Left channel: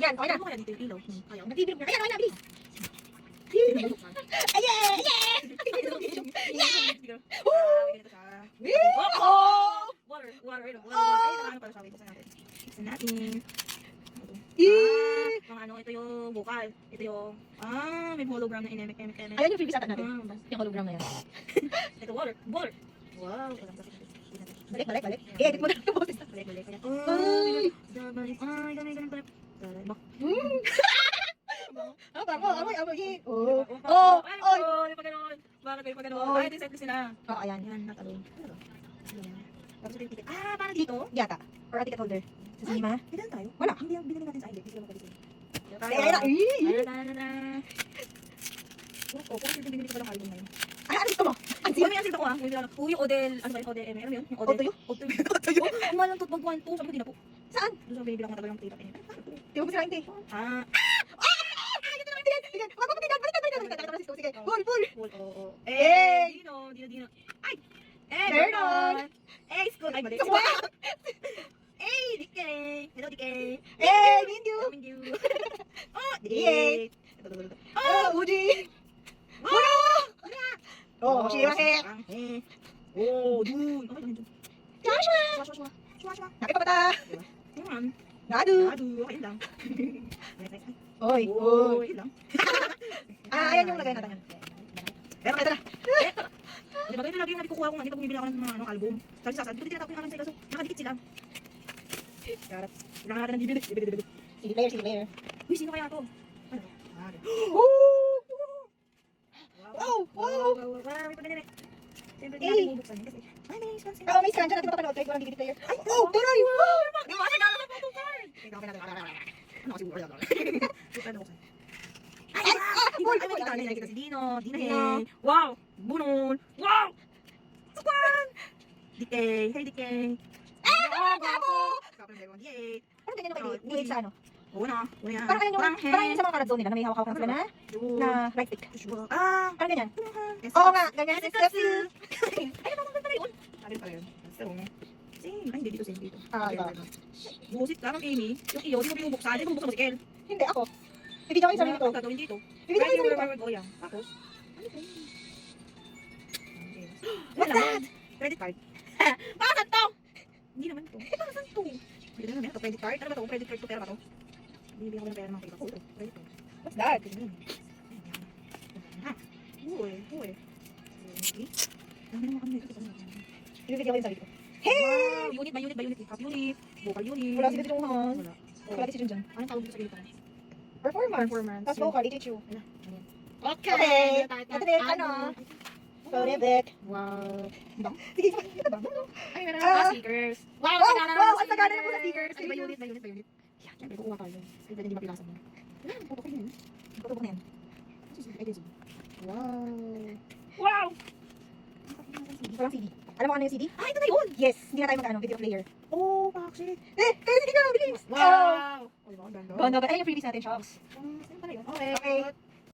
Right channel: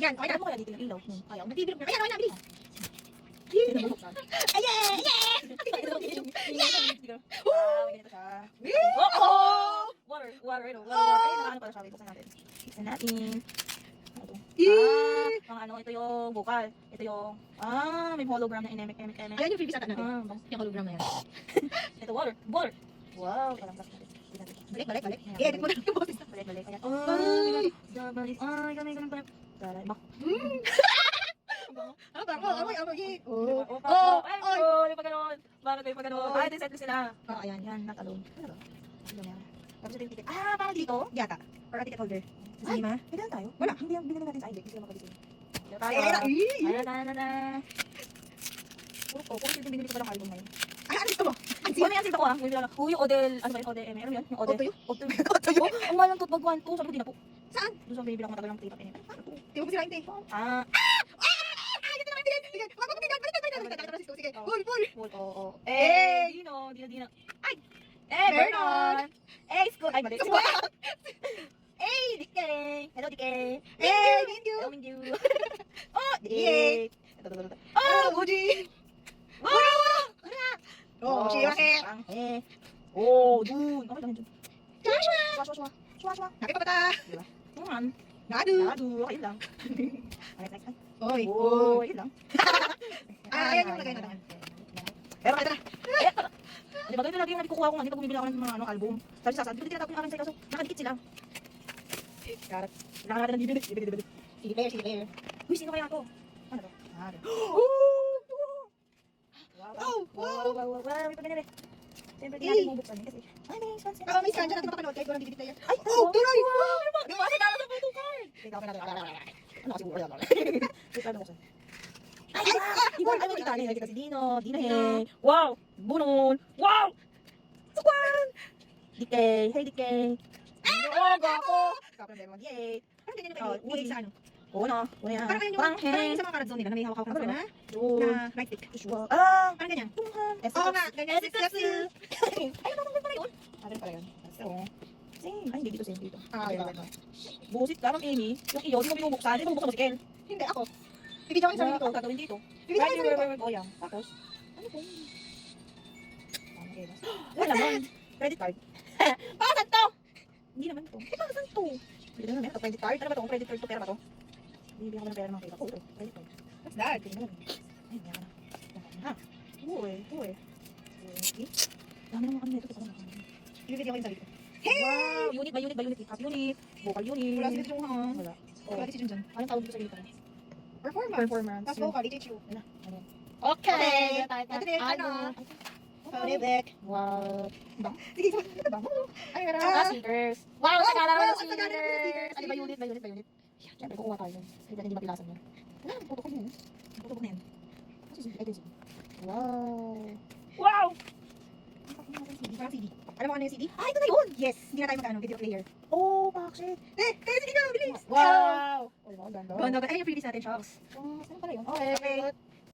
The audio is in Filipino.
Yan, okay na. Ano kaya dito yung ilaw? Ayaw, nagtitrip na. Ayan, okay na, bilis. Ayan! Oh! Water. Ayun, water. Ano pala sabi ko sa natin? Buksan natin. Pang ano, ito yung vocal. Ito yung, may hologram na inemek. Ayun yung previous natin. Yung hologram na yan. Ito, water. Wow, parang sakit. Balik. I-edit mo na yung boses. Balik. Ayan. Ay, ganun pala. Bak. Yay. May pagano'n. Bakit may pagano'n? Ay, set sila. Ayan. Yan, natalong. Tapos ito yung ticket. Para dito? Yata. Or a ticket holder. Ay, Lima? pwede lang tayo? Wala. Hindi, binili natin sa index. Hindi sila magkalising. Puro binili ko pa lang album ngayon. Ano gusto mo? May asin ako yung Odell, ano ba yung Odell? Ano yun? Yung Odell. Otoyo? Otoyo. Ang mahal ng tote bag 1, 2, sabi ko din ako. Saan? Doon sa baby lang matagal ng tita pinili. Di mo sila hindi. Dito naman tingin. Sige, wag mo tingnan. Balik. Sige, pull. Oo. Dino. Ay! Vernon! School. Ay, mali. Wow! DK. Hello, DK. Mindu! DK. Uji! Shirahe! Jun. Okay lang, Jun. Joshua. Nakipapata! Naman. Nadu! Okay lang. Next. Oy! Yun lang. Ayan yung lagay natin. Pero ito na. Di ba, ito lagi yung nakukuha ko nga. Dito bumibili ako ng mga album. Sabi sa akin, dito tinatapon yung akin sa kaso. Nakadikit sila. Karat. Kailangan natin ng bibili. CD player. Uy, sino kaya ito? Ano ba? Wow. May pagdinamit. Siyempre, hindi natin bubuksan yun kasi. Ay, may sponsor. May scan dyan. Natin mapapanood kahit walang DVD player. Ay, tuloy! Di ba? Nagkala sa photo card. Ano kasi wala. Ano ko sa? Ay, may kita na nakita si Dino. Wow! Bunol! Wow! Sukwan! DK! Hey, DK! Gapo! Yay! Parang ganyan naman kayo. Sa ano? Oo na. Yan. Parang yung sa mga karat zone nila na may hawak-hawak na right stick. Parang ganyan. Oo nga, ganyan. Kasi. Ay, ano pala yun? Sabi pala yun. Same. Ay, hindi dito, same dito. Iba. Busit ka ng Amy. Yung iyo, di mo binubuksan. Di mo bubuksan mo si Kel. Hindi ako. Hindi niya kayo sarili ko. Ang gagawin dito. Hindi niya kayo sarili ko. O yan. Tapos, ano po? Wala naman. Credit card. Bakit to? Hindi naman to. Bakit to? Hindi naman yan. Credit card. Ano ba to? Credit card to. Pera ba to? Bibigyan ko ng pera ng pera. Oh, credit card. What's that? Uy. Dami naman kami nito. Ibibigyan ko yung sarili ko. Hey! Unit. Half unit. Vocal unit. Wala sila dito mga. Wala. Wala decision dyan. Anong tawag dito sa gilid? Performance. Tapos vocal, HHU. Okay. Ito din, ano? Sorry, Bek. Wow. Sige, Ay, meron ako stickers. Wow, Wow, sagana wow, ako ang sagana mo sa stickers. Ay, may unit. Yan, syempre kukuha tayo. Hindi mapilasan yun. Puto ko yun. Puto ko na yan. Ay, kasi. Wow! Walang CD. Alam mo ano yung CD? Ah, ito na yun! Yes, hindi na tayo mag-ano, video player. Oh, bakit? Tayo CD ka, bilis! Wow! Oh, ganda. Ganda ba? Ay, yung freebies natin, Charles. Ano pala yun? Okay.